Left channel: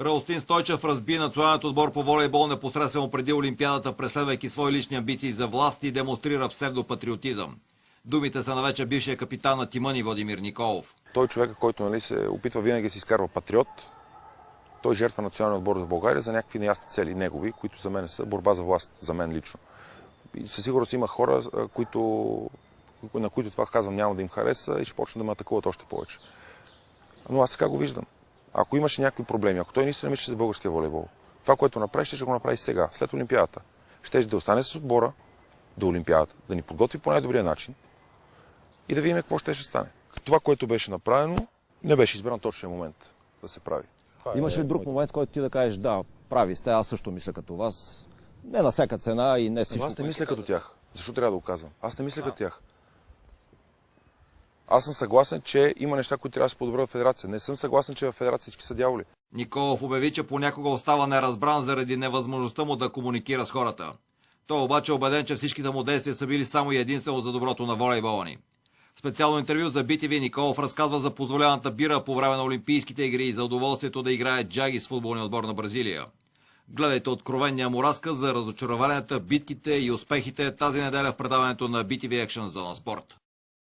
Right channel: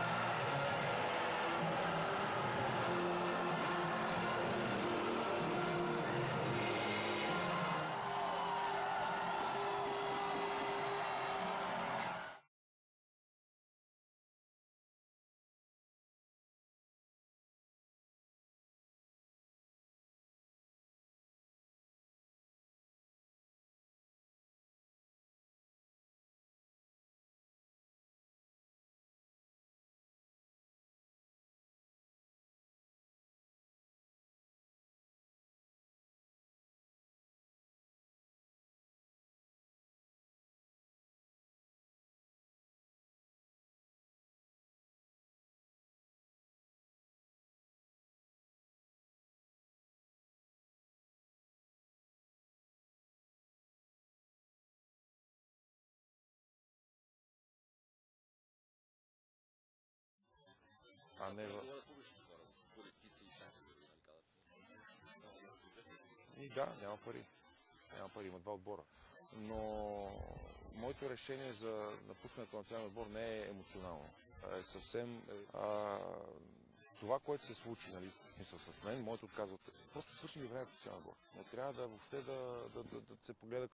Радостин Стойчев разби националният отбор по волейбол непосредствено преди Олимпиадата, преследвайки свои лични амбиции за власт и демонстрира псевдопатриотизъм. Думите са на вече бившия капитан на тима ни Владимир Николов. Той е човек, който се опитва винаги да си изкарва патриот. Той жертва националния отбор за България за някакви неясни цели негови, които за мен са борба за власт, за мен лично. И със сигурност има хора, на които това казвам няма да им хареса и ще почне да ме атакуват още повече. Но аз така го виждам. Ако имаше някакви проблеми, ако той наистина мислеше за българския волейбол, това, което направи, ще го направи сега, след Олимпиадата. Ще да остане с отбора до Олимпиадата, да ни подготви по най-добрия начин и да видим какво ще стане. Това, което беше направено, не беше избран точния момент да се прави. Имаше ли друг момент, в който ти да кажеш, да, прави сте, аз също мисля като вас, не на всяка цена и не всичко. Аз не мисля като тях. Защо трябва да го казвам? Аз не мисля като тях. Аз съм съгласен, че има неща, които трябва да се подобрят в федерация. Не съм съгласен, че в федерация всички са дяволи. Николов обяви, че понякога остава неразбран заради невъзможността му да комуникира с хората. Той обаче е убеден, че всичките му действия са били само и единствено за доброто на волейбола ни. В специално интервю за BTV Николов разказва за позволената бира по време на Олимпийските игри и за удоволствието да играе джаги с футболния отбор на Бразилия. Гледайте откровения му разказ за разочарованията, битките и успехите тази неделя в предаването на BTV Action Zone Sport.